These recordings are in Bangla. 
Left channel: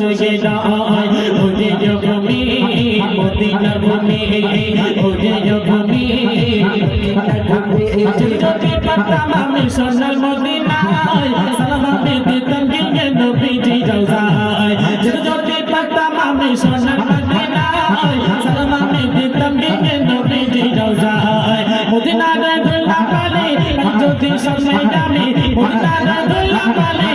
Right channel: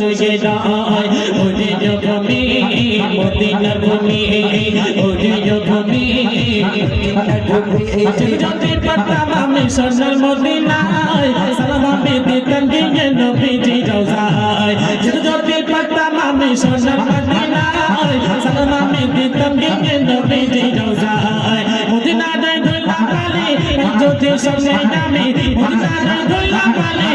সুগে যায় ওরে জগমি মদিনার ভূমি ওরে জগমি যদি পারতাম আমি সোনার মদিনায় সালাম আমি দিতাম গিয়ে নবীজি রওজায় যদি পারতাম আমি সোনার মদিনায় সালাম আমি দিতাম গিয়ে নবীজি রওজায় মদিনার দুলা পালে যদি সামনে জানি মদিনার দুলা পালে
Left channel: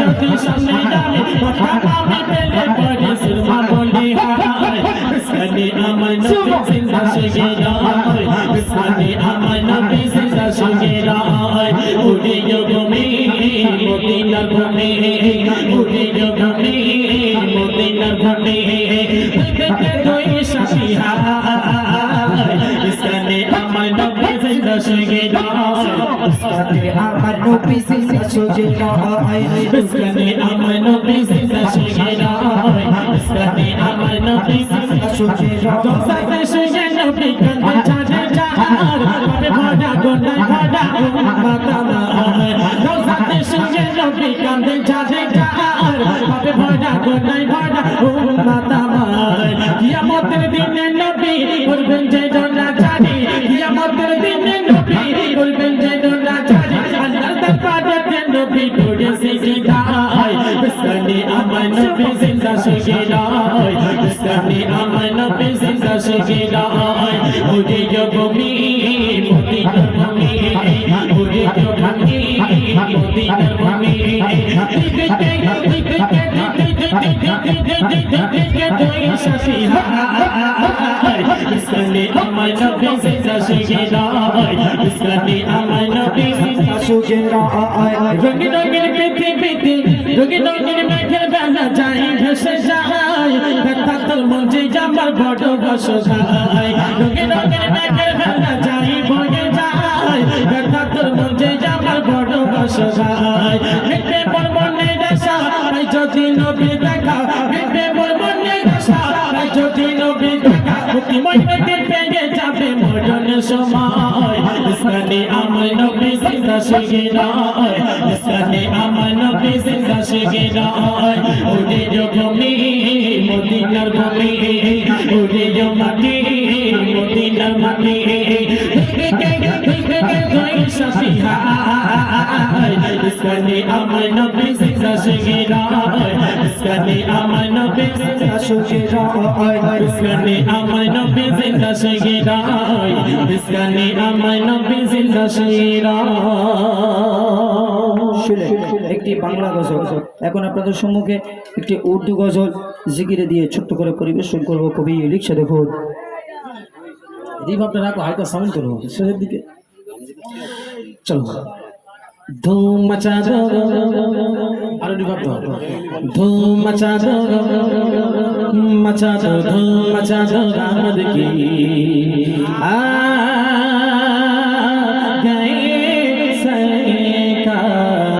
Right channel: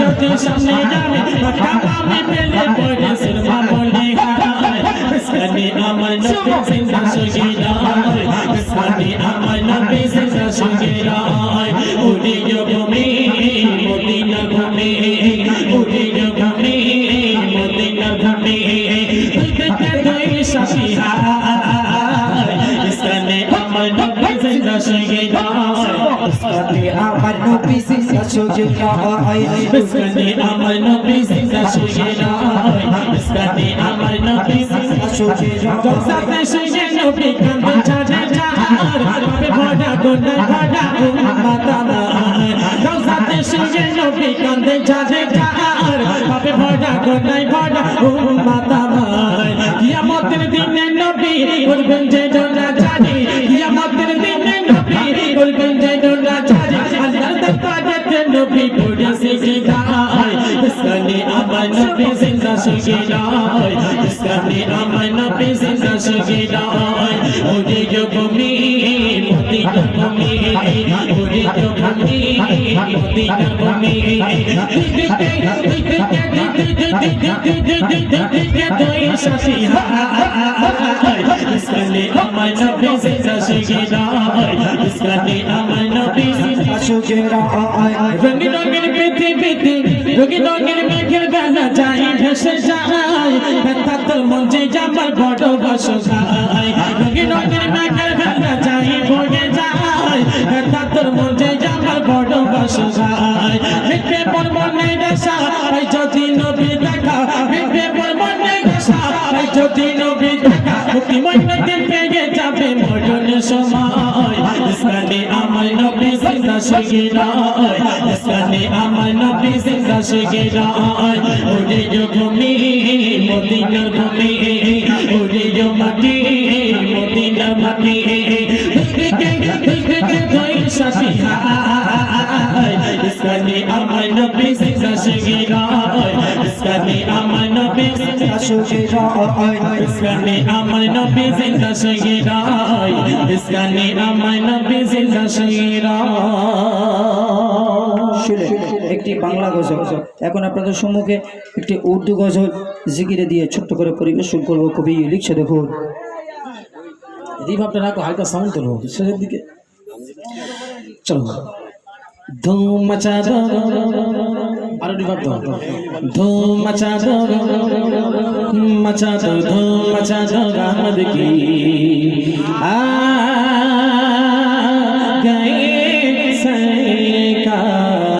যদি সামনে জানি পাকা আমি পেলে পড়ে সুরমা বলে ইসলামী আমার নবী জিন্দা সুগে যায় ইসলামী আমার নবী জিন্দা সুগে যায় ওরে জগমি মদিনার ভূমি ওরে জগমি মদিনার ভূমি দুই সাথী ইসলামী আমার নবী জিন্দা সুগে যায় ইসলামী আমার নবী জিন্দা সুগে যায় ইসলামী আমার নবী জিন্দা সুগে যায় ইসলামী আমার নবী জিন্দা সুগে যায় সাথে সুগে নবী কান্দে ছাড়ে চার পাবে ভরা গোনা ভরা উম্মত আমার সাথে সুগে নবী কান্দে ছাড়ে চার পাবে ভরা গোনা ভরা উম্মত আমার কিয়ামতের দিনে নবী করবেন যে দোলা জানি কিয়ামতের দিনে নবী করবেন যে দোলা জানি আল্লাহর দরবারে নবী করে সিজদায় ইসলামী আমার নবী জিন্দা সুগে যায় ইসলামী আমার নবী জিন্দা সুগে যায় ওরে জগমি মদিনার ভূমি ওরে জগমি মদিনার ভূমি ইসলামী আমার নবী জিন্দা সুগে যায় ইসলামী আমার নবী জিন্দা সুগে যায় রঙিন রঙিন পৃথিবীতে রঙিন রঙিন মেঘের বেলা যাই ভেসে যায় ব্যথা তোর মন যে আমার বড় বসো যায় রঙিন রঙিন মেঘের বেলা যাই বয়ে যায় ব্যথা তোর মন যে আমার বড় বসো যায় মিটবে পরবনের আশা যদি নবী দেখা মিটবে পরবনের আশা যদি নবী দেখা মুক্তি মইনতে পেয়ে যাবে মরণ সময় ইসলামী আমার নবী জিন্দা সুগে যায় ইসলামী আমার নবী জিন্দা সুগে যায় ওরে জগমি মদিনার ভূমি ওরে জগমি মদিনার ভূমি সাথী ইসলামী আমার নবী জিন্দা সুগে যায় ইসলামী আমার নবী জিন্দা সুগে যায় ইসলামী আমার নবী জিন্দা সুগে যায় ইসলামী আমার নবী জিন্দা সুগে যায় একটি বাংলা গজল এখন আপনাদের সম্মুখে একটি উর্দু গজল জিকিরে দিয়ে ছোট্ট করে পরিবেশন করব কবি লিখছে দেখুন রিভাবটা রাখো হালকা সাউন্ড করো শেষের দিকে চলো ধুম মচা দো আর রিভাব দাও ধুম মচা দো ধুম মচা দো গামদ কি